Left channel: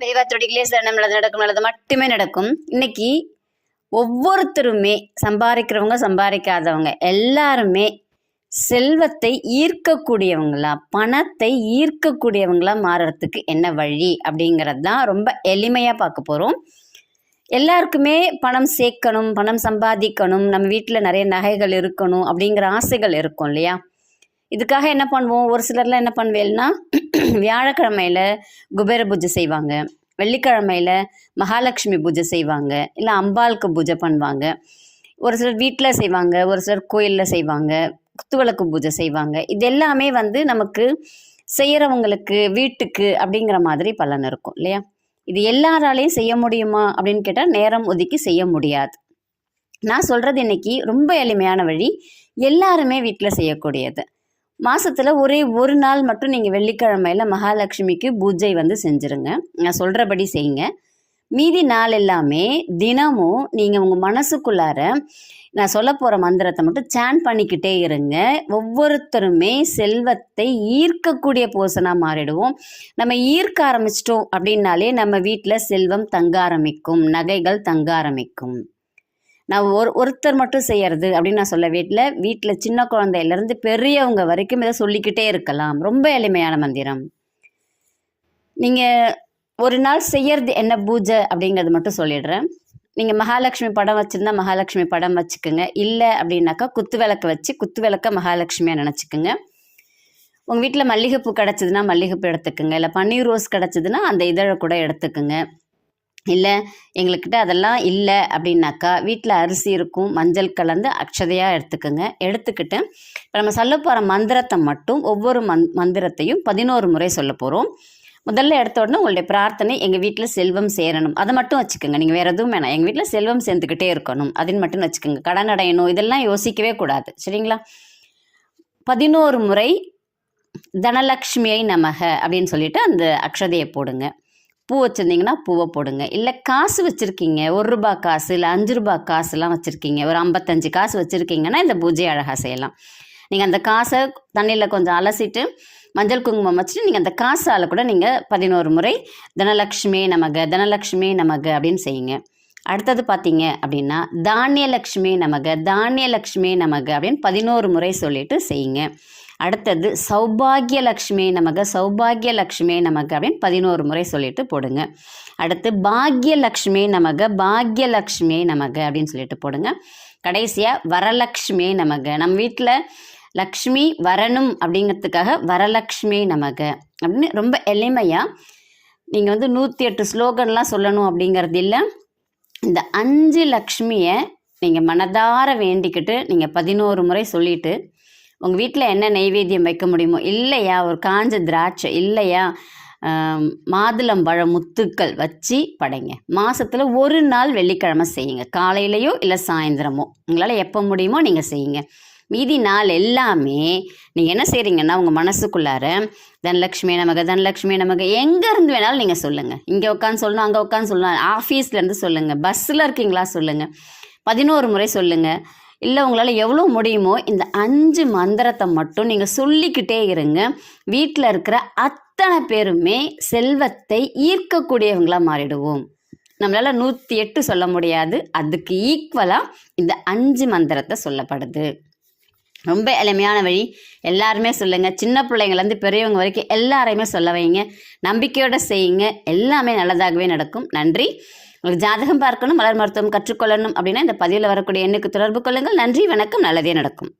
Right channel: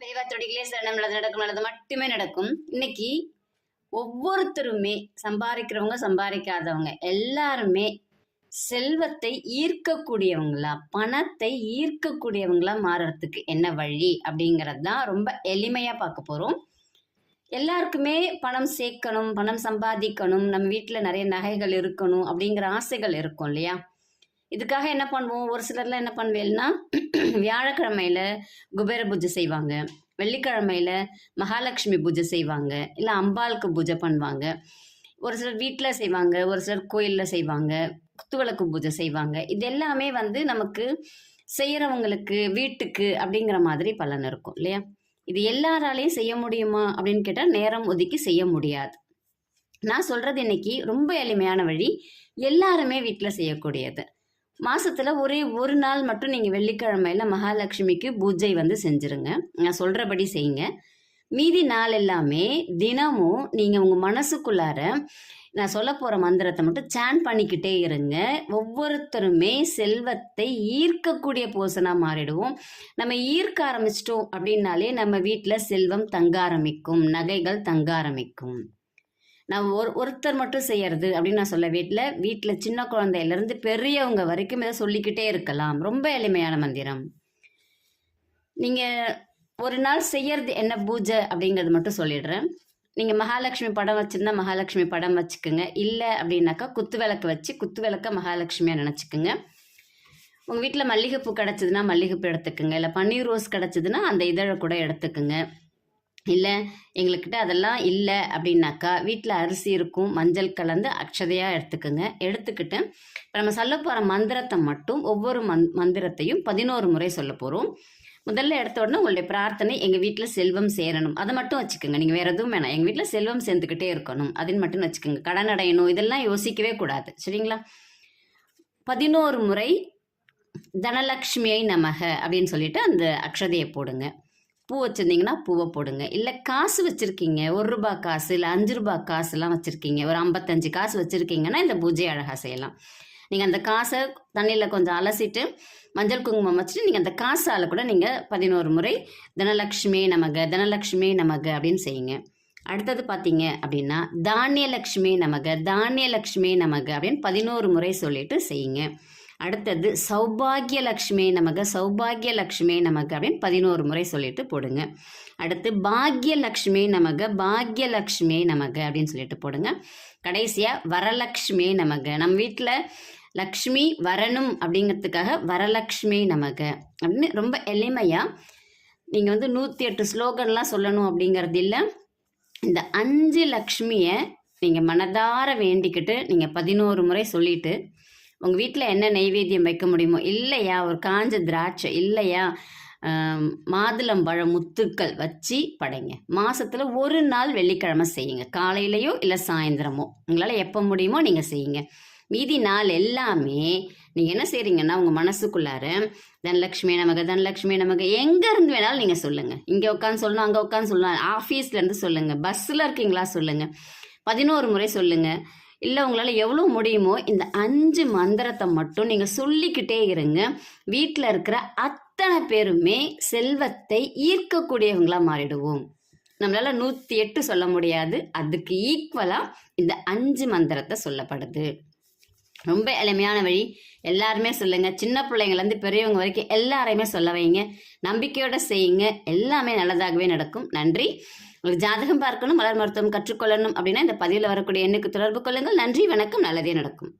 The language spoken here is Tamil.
பெரியவா தொடிகளே நல்லது நடக்கும், நல்லது மட்டுமே நடக்கும். இன்னைக்கு ஒவ்வொருத்தருமே சம்பாதிக்கிறவங்க சம்பாதிக்காதவங்க எல்லாருமே செல்வத்தை ஈர்க்கக்கூடியவங்களா, பணத்தை ஈர்க்கக்கூடியவங்களா மாறுறதுக்கு என்ன வழி அப்படிங்கிறது தான் ரொம்ப எளிமையாக பார்க்க போகிறோம். எல்லாருக்குமே பணம் சேர்க்கணும், பணம் சம்பாதிக்கணும், நம்ம வீட்டில் நிறைய நகைகள் இருக்கணும் அப்படிங்கிற ஆசைகள் இருக்கும் இல்லையா? இதுக்காக என்ன பண்ணுவோம், ஒரு சிலர்லாம் என்ன பண்ணுவேன்னா வியாழக்கிழமையில் குபேர பூஜை செய்வாங்க, வெள்ளிக்கிழமையில் மகாலட்சுமி பூஜை செய்வாங்க, இல்லை அம்பாளுக்கு பூஜை பண்ணுவாங்க. ஒரு சிலர் வீட்டில் செய்வாங்க, ஒரு சிலர் கோயிலில் செய்வாங்க, குத்துவிளக்கு பூஜை செய்வாங்க. இது எல்லாமே நமக்கு செய்கிறவங்களுக்கு வீட்டுக்கு அப்படிங்கிற மாதிரி பலன் இருக்கும் இல்லையா? இது எல்லாராலையும் செய்ய முடியுமா அப்படின்னு கேட்டால் நேரம் ஒதுக்கி செய்ய முடியாது. நான் சொல்கிறது இன்னைக்கு ரொம்ப எளிமையான வழி, எல்லாருமே வீட்டில் செய்யக்கூடியது. மாதத்தில் ஒரே ஒரு நாள் மட்டும் நீங்கள் வெள்ளிக்கிழமையில் மகாலட்சுமிக்கு பூஜை செஞ்சுருங்க. நான் சொல்கிறபடி செய்யுங்க. மீதி நாள் எல்லாமே தினமும் நீங்கள் உங்கள் மனசுக்குள்ளார நான் சொல்ல போகிற மந்திரத்தை மட்டும் சேன் பண்ணிக்கிட்டே இருங்க. ஒவ்வொருத்தருமே செல்வத்தை ஈர்க்கக்கூடிய போசனாக மாறிடுவோம். நம்ம ஈர்க்க ஆரம்பிச்சிட்டோம் அப்படின்னாலே நம்ம வீட்டில் செல்வம் தங்க ஆரம்பிக்கும், நகைகள் தங்க ஆரம்பிக்கும். நான் ஒருத்தர் மட்டும் செய்யறது அப்படின்னு நான் சொல்ல வீட்டில் சின்ன குழந்தையிலேருந்து பெரியவங்க வரைக்கும் இதை சொல்லிக்கிட்டே இருக்கலாம். ரொம்ப எளிமையான மந்திரம். நீங்கள் ஒரு நாள் செய்யறது என்ன பூஜை அப்படிங்கிறது மட்டும் சொல்லிடுறேன். நீங்கள் மகாலட்சுமி படம் வச்சுருந்தா மகாலட்சுமி படம் வச்சுக்கோங்க. இல்லை அப்படின்னாக்கா குத்து விளக்கு வச்சு குத்து விளக்க மகாலட்சுமியாக நினச்சிக்கோங்க. உங்கள் வீட்டில் மல்லிகைப்பூ கிடச்சிதுன்னா மல்லிகைப்பூ எடுத்துக்கோங்க. இல்லை பன்னீர் ரோஸ் கிடச்சிதுன்னா அந்த இதழை கூட எடுத்துக்கோங்க. இல்லை எங்களுக்கிட்ட அதெல்லாம் இல்லை அப்படின்னாக்கா வீட்டில் அரிசி இருக்கும், மஞ்சள் கலந்து அக்ஷதையாக எடுத்துக்கோங்க. எடுத்துக்கிட்டு இப்போ நம்ம சொல்ல போகிற மந்திரத்தை மட்டும் ஒவ்வொரு மந்திரத்தையும் 11 முறை சொல்ல போகிறோம். முதல்ல எடுத்த உடனே உங்களுடைய பிரார்த்தனை எங்கள் வீட்டில் செல்வம் சேரணும், அதை மட்டும் வச்சுக்கோங்க. நீங்கள் வேறு எதுவும் வேணாம், எங்கள் வீட்டில் செல்வம் சேர்ந்துக்கிட்டே இருக்கணும் அப்படின்னு மட்டும் வச்சுக்கோங்க. கடன் அடையணும் இதெல்லாம் யோசிக்கவே கூடாது, சரிங்களா? 11 முறை தனலக்ஷ்மியை நமக அப்படின்னு சொல்லிட்டு அந்த அக்ஷதையை போடுங்க. பூ வச்சுருந்தீங்கன்னா பூவை போடுங்க. இல்லை காசு வச்சுருக்கீங்க, 1 ரூபா காசு இல்லை 5 ரூபா காசுலாம் வச்சுருக்கீங்க, ஒரு 55 காசு வச்சுருக்கீங்கன்னா இந்த பூஜை அழகாக செய்யலாம். நீங்கள் அந்த காசை தண்ணியில் கொஞ்சம் அலசிட்டு மஞ்சள் குங்குமம் வச்சுட்டு நீங்கள் அந்த காசால் கூட நீங்கள் 11 முறை தனலக்ஷ்மி நமக தனலக்ஷ்மி நமக அப்படின்னு செய்யுங்க. அடுத்தது பார்த்தீங்க அப்படின்னா தானியலக்ஷ்மி நமக தானியலக்ஷ்மி நமக அப்படின்னு 11 முறை சொல்லிட்டு செய்யுங்க. அடுத்தது சௌபாகியலக்ஷ்மி நமக சௌபாகியலக்ஷ்மி நமக அப்படின்னு 11 முறை சொல்லிட்டு போடுங்க. அடுத்து பாக்யலக்ஷ்மி நமக பாக்யலக்ஷ்மி நமக அப்படின்னு சொல்லிட்டு போடுங்க. கடைசியாக வரலக்ஷ்மி நமக, நம்ம வீட்டில் லக்ஷ்மி வரணும் அப்படிங்கிறதுக்காக வரலக்ஷ்மி நமக அப்படின்னு ரொம்ப எளிமையாக நீங்கள் 108 ஸ்லோகன்லாம் சொல்லணும் அப்படிங்கிறது இல்லை. இந்த 5 லக்ஷ்மியை நீங்கள் மனதார வேண்டிக்கிட்டு நீங்கள் 11 முறை சொல்லிவிட்டு உங்கள் வீட்டில் என்ன நெய்வேத்தியம் வைக்க முடியுமோ, இல்லையா ஒரு காஞ்ச திராட்சை, இல்லையா மாதுளம்பழம் முத்துக்கள் வச்சு படைங்க. மாதத்தில் ஒரு நாள் வெள்ளிக்கிழமை செய்யுங்க. காலையிலையோ இல்லை சாயந்தரமோ உங்களால் எப்போ முடியுமோ நீங்கள் செய்யுங்க. மீதி நாள் எல்லாமே நீங்கள் என்ன செய்கிறீங்கன்னா உங்கள் மனசுக்குள்ளார தனலக்ஷ்மி நமக தனலக்ஷ்மி நமக எங்கேருந்து வேணாலும் நீங்கள் சொல்லுங்கள். இங்கே உட்காந்து சொல்லணும், அங்கே உட்காந்து சொல்லணும், ஆஃபீஸ்லேருந்து சொல்லுங்கள், பஸ்ஸில் இருக்கீங்களா சொல்லுங்கள், 11 முறை சொல்லுங்கள். இல்லை உங்களால் எவ்வளோ முடியுமோ இந்த 5 மந்திரத்தை மட்டும் நீங்கள் சொல்லிக்கிட்டே இருங்க. வீட்டில் இருக்கிற அத்தனை பேருமே செல்வத்தை ஈர்க்கக்கூடியவங்களாக மாறிடுவோம். நம்மளால் 108 சொல்ல முடியாது, அதுக்கு ஈக்குவலாக இந்த 5 மந்திரத்தை சொல்லப்படுது. ரொம்ப எளிமையான வழி, எல்லாருமே சொல்லுங்கள். சின்ன பிள்ளைங்கள்லேருந்து பெரியவங்க வரைக்கும் எல்லாரையுமே சொல்ல வைங்க. நம்பிக்கையோடு செய்யுங்க, எல்லாமே நல்லதாகவே நடக்கும். நன்றி. உங்களுக்கு ஜாதகம் பார்க்கணும், மலர் மருத்துவம் கற்றுக்கொள்ளணும் அப்படின்னா இந்த பதிவில் வரக்கூடிய எண்ணுக்கு தொடர்பு கொள்ளுங்கள். நன்றி, வணக்கம், நல்லதே நடக்கும்.